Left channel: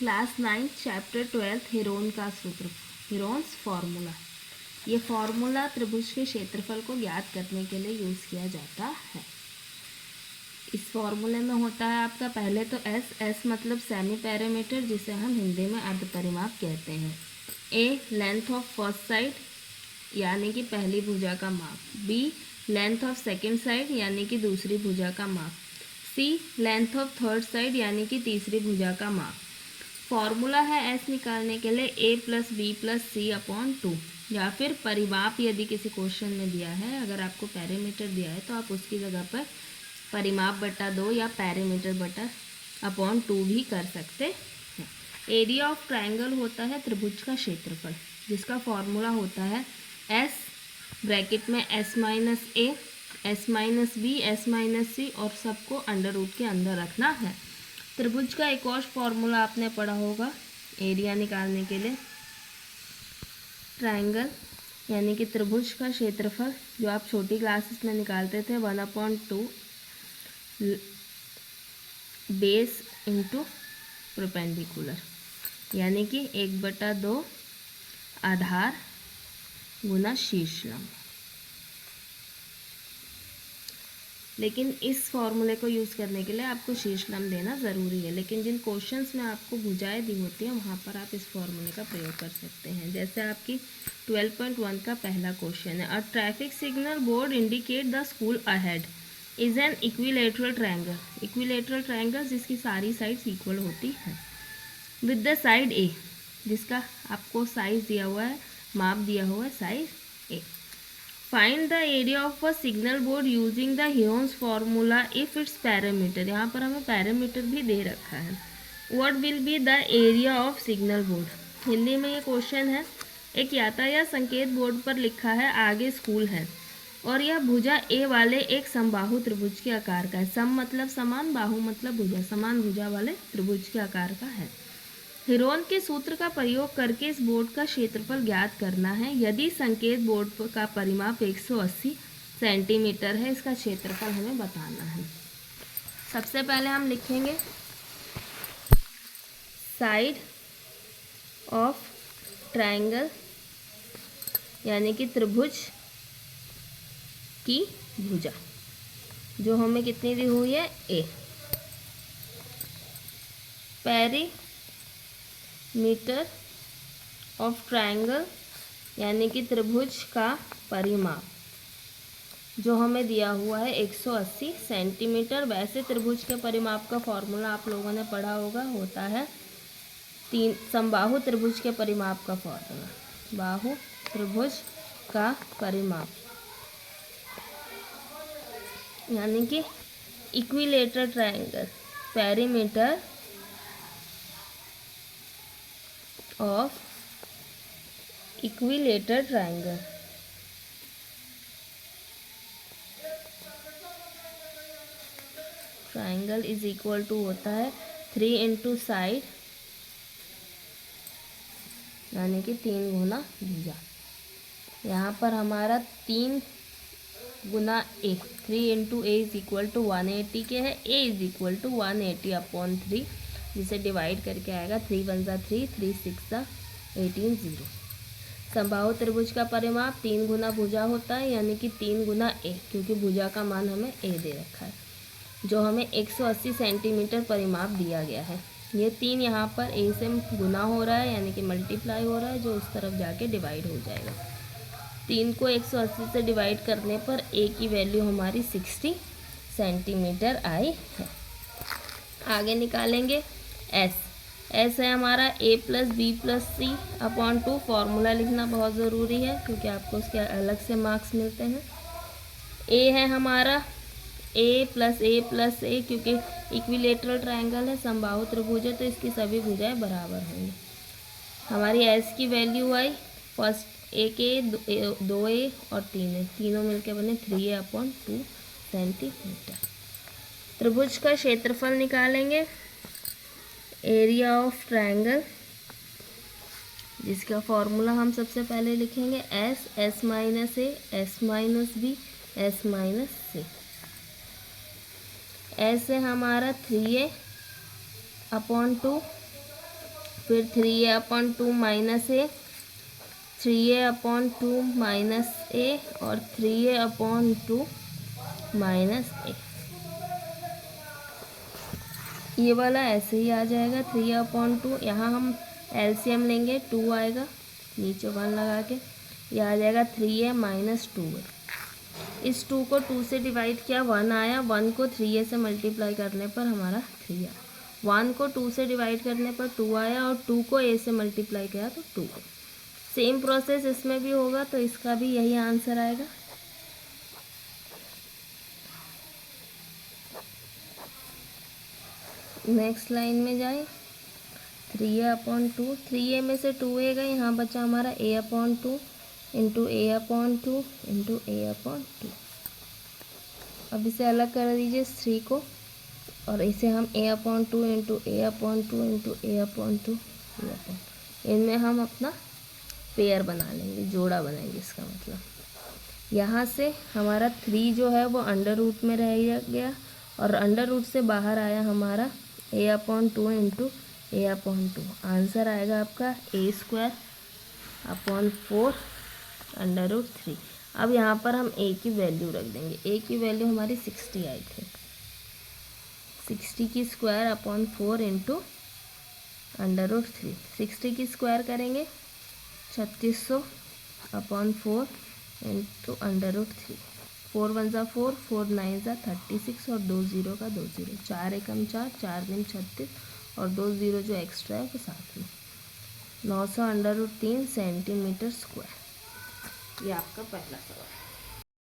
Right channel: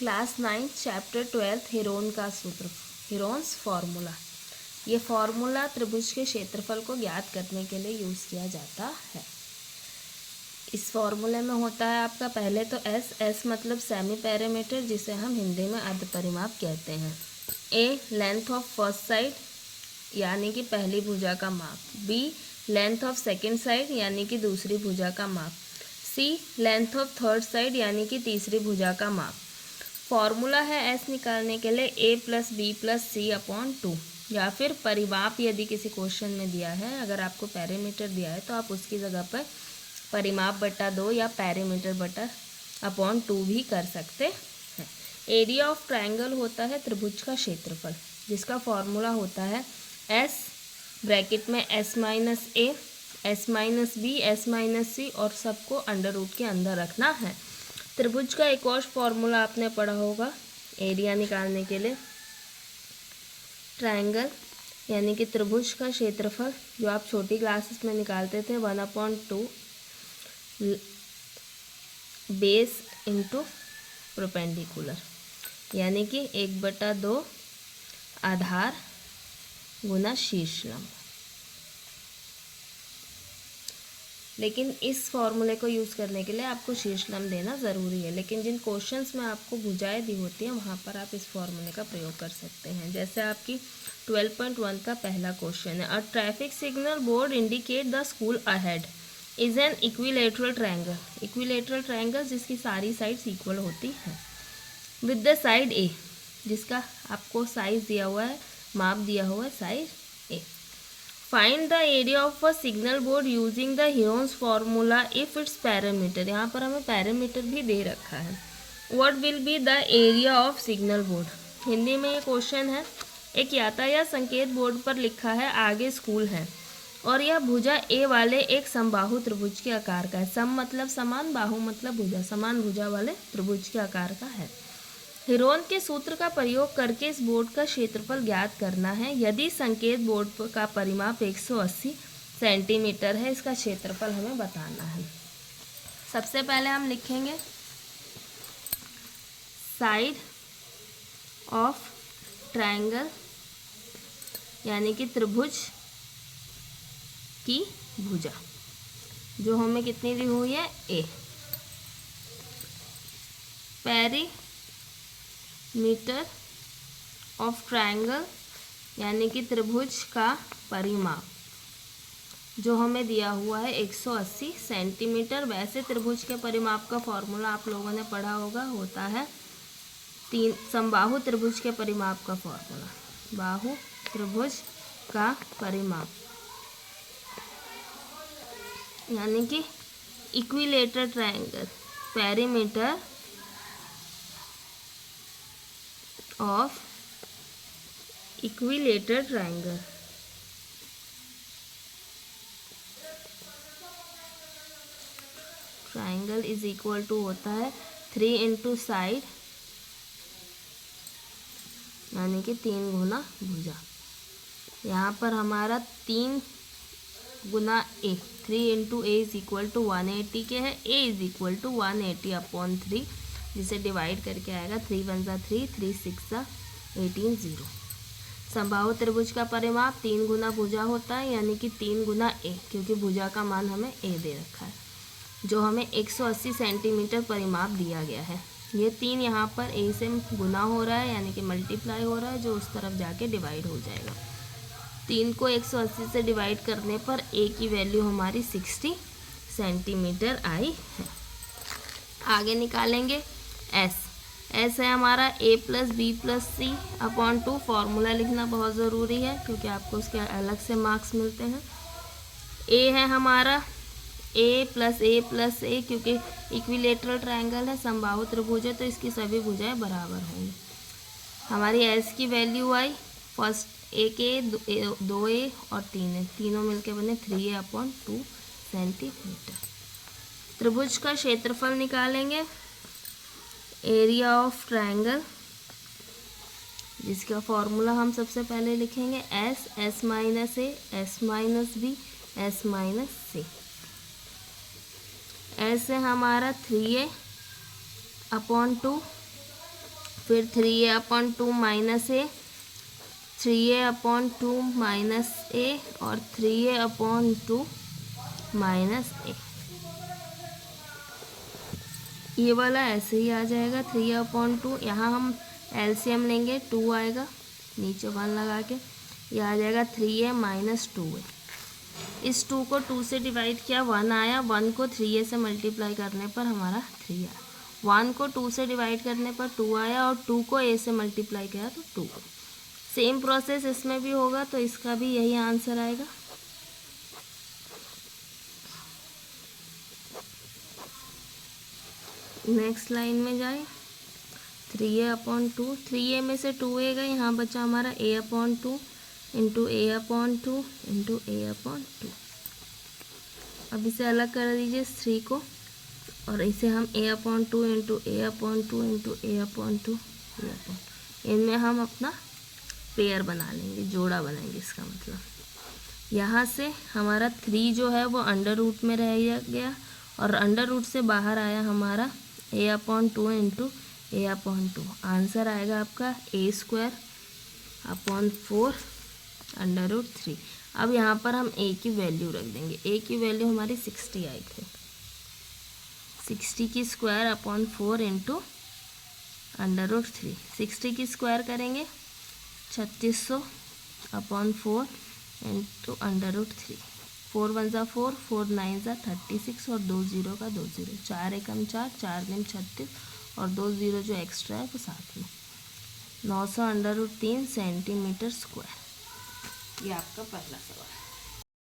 Class 9 chapter 12 Heron का सूत्र, Heron's formula. ये फार्मूला त्रिभुज के क्षेत्रफल को ज्ञात करने के लिए यूज़ किया जाता है। इस फार्मूले में होता है आपका पहले तो एस मतलब सेमी पैरामीटर, जिसे हम हिंदी में अर्ध परिमाप कहते हैं। A length of first side यानी कि पहली भुजा का माप। B length of second side यानी कि दूसरी भुजा का माप। C length of third side यानी कि तीसरी भुजा का माप। फॉर्मूला है एस निकालने के लिए ए प्लस बी प्लस सी अपॉन 2, या फिर परिमाप यदि किसी क्वेश्चन में दिया है, अगर आपको पैरामीटर दिया है तो आप उसकी जगह पर परिमाप बटा 2 या पैरामीटर बटा अपॉन 2 भी कर सकते हैं। एरिया ऑफ ट्रायंगल होता है त्रिभुज का क्षेत्रफल, जिसका फॉर्मूला होता है एस ब्रैकेट में S minus A, S minus B, S minus C, और सबको अंडर रूट के अंदर रखना है। त्रिभुज का एक और फॉर्मूला आपने पढ़ा होगा एरिया निकालने के लिए, ट्रायंगल यानी कि त्रिभुज का क्षेत्रफल, जो आप छोटी क्लासेस में निकालते थे 1/2 बेस इंटू परपेंडिकुलर, यानी कि 1/2 आधार गुना शीर्ष लंब। लेकिन इस फॉर्मूले को यूज़ करने के लिए आपको शीर्ष लंब देना ज़रूरी है, लेकिन जिन क्वेश्चंस में आपको भुजाएं दी होती हैं वहाँ पर आप इस फॉर्मूले का प्रयोग कर सकते हैं। जैसे आपकी 12.1 का पहला क्वेश्चन है, a traffic signal board indicate the school ahead is an equilateral triangle. Equilateral triangle जिसकी सारी साइड्स इक्वल होती हैं, विद द साइड ए, जिसका आपको साइज दिया हुआ है, माप दिया हुआ है size A. Find the area of a signal board using the Heron's formula if it's parameter. यहाँ पर हमें पैरामीटर भी दे रखा है। What will be the area of signal board. Hindi में ये क्वेश्चन है, एक यातायात संकेत बोर्ड पर लिखा है आगे स्कूल है, और यह भुजा ए वाले एक समबाहु त्रिभुज के आकार का है। सम मतलब समान, बाहु मतलब भुजा, समान भुजा वाले त्रिभुज के आकार का है। हेरोन के सूत्र का प्रयोग करके इस बोर्ड का क्षेत्रफल ज्ञात करना है। यदि संकेत बोर्ड का परिमाप 180 सेंटीमीटर है, इसका क्षेत्रफल हमें बताना है। सबसे पहले हम लिखेंगे साइड ऑफ ट्रायंगल यानी कि त्रिभुज की भुजा, जो हमें कितनी दी हुई है, ए। मीटर ऑफ ट्रायंगल यानी कि त्रिभुज का परिमाप, जो हमें दिया हुआ है 180 सेंटीमीटर। वैसे त्रिभुज के परिमाप का फॉर्मूला आप लोगों ने पढ़ा होगा, होता है समबाहु त्रिभुज के परिमाप का फॉर्मूला, बाहु त्रिभुज का परिमाप यानी कि equilateral triangle, perimeter of equilateral triangle। Triangle is equal to होता है 3 इंटू साइड यानी कि 3 गुना भुजा। यहाँ पर हमारा 3 गुना A, 3 into A is equal to 180 के है, A is equal to 180 upon 3, जिसे डिवाइड करके आएगा 3 1 ज़ा 3, 3 6 ज़ा 18, 0। समबाहु त्रिभुज का परिमाप 3 गुना भुजा होता है, यानी कि 3 गुना ए, क्योंकि भुजा का मान हमें ए दे रखा है, जो हमें 180 सेंटीमीटर परिमाप दिया गया है। ये 3 यहाँ पर ए से गुना हो रहा है, यानी कि मल्टीप्लाई हो रहा है, जो उस तरफ जाके डिवाइड हो जाएगा। 3 को 180 से डिवाइड करने पर ए की वैल्यू हमारी 60 सेंटीमीटर आई है। आगे निकालेंगे एस है हमारा ए प्लस बी प्लस सी अपॉन 2। फॉर्मूला लिखना बहुत ज़रूरी है, क्योंकि आपको उसके अलग से मार्क्स मिलते हैं। ए है हमारा ए प्लस ए, क्योंकि इक्विलेटरल ट्रायंगल है, समबाहु त्रिभुज है, तो इसकी सभी भुजाएं बराबर होंगी। हमारी एस की वैल्यू आई, फर्स्ट ए के 2a और 3a, तीनों मिलके बने 3a अपॉन 2 सेंटीमीटर। त्रिभुज का क्षेत्रफल निकालेंगे, एरिया ऑफ ट्रायंगल, जिसका फॉर्मूला हम सबसे पहले लिखेंगे S minus A, S minus B, S minus C. S है हमारा 3a अपॉन 2, फिर 3a/2 माइनस ए, 3a/2 माइनस ए और 3a/2 माइनस ए। ये वाला ऐसे ही आ जाएगा 3/2। यहाँ हम एलसीएम लेंगे, 2 आएगा, नीचे 1 लगा के ये आ जाएगा 3a माइनस 2a। इस 2 को 2 से डिवाइड किया, 1 आया, 1 को 3a से मल्टीप्लाई करने पर हमारा 3 आया, 1 को 2 से डिवाइड करने पर 2 आया और 2 को a से मल्टीप्लाई किया तो 2 को। सेम प्रोसेस इसमें भी होगा, तो इसका भी यही आंसर आएगा। नेक्स्ट लाइन में जाए, 3a/2, 3a में से 2a गए, यहाँ बचा हमारा a/2 into a/2 into a/2। अब इसे अलग कर दीजिए 3 को, और इसे हम a/2 into a/2 into a/2 इनमें हम अपना पेयर बना लेंगे, जोड़ा बनाएंगे। इसका मतलब यहाँ से हमारा 3 जो है वो अंडर रूट में रह गया और अंडर रूट से बाहर आया हमारा a/2 इंटू a/2। आंसर आएगा आपका a² / 4√3। अब यहाँ पर हम a की वैल्यू रख देंगे। a की वैल्यू हमारी 60 आई थी, 60 की स्क्वायर अपॉन 4 इंटू √3। 60 की स्क्वायर करेंगे 3600 अपॉन 4 इंटू √3। 4 1 ज़ा 4, 4 9 ज़ा 36 और 2 0 का 2 0, 4 एकम 4, 4 दूनी 36 और 2 0 जो एक्स्ट्रा है वो साथ में 900 √3 सेंटीमीटर स्क्वायर। ये आपका पहला सवाल।